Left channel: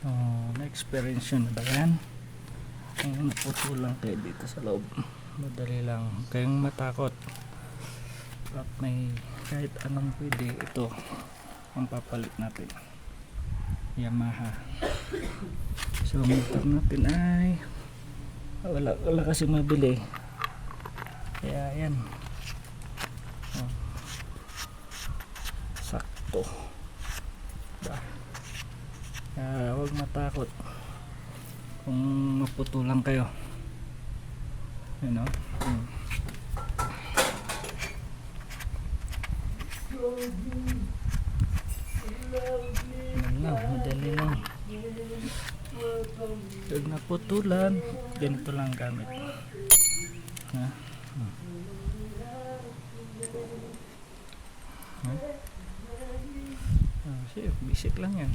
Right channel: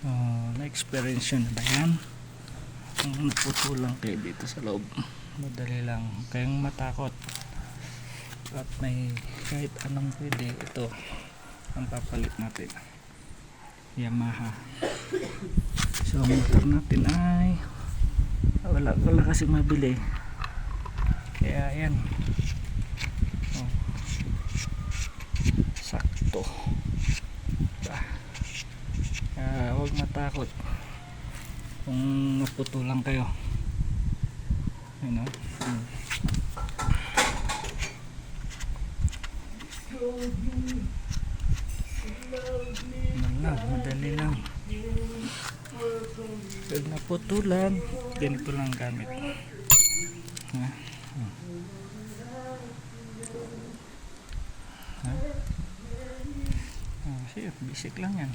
So, na-experience yun na ba yan? Ang naputulang kayo dito sa loob. Madali lang. Huwag kayong matakot. At may kahit anong pwede. Ito ang papalit natin. Yamaha. So, ang motor natin ay wala kasi mabili. Kaya yan. Oh. Sakto. Huwag matakot kung maputulan kayo, you know. Madali lang. Pag naputulan, ganito lang gamit, ha? Basic lang yan.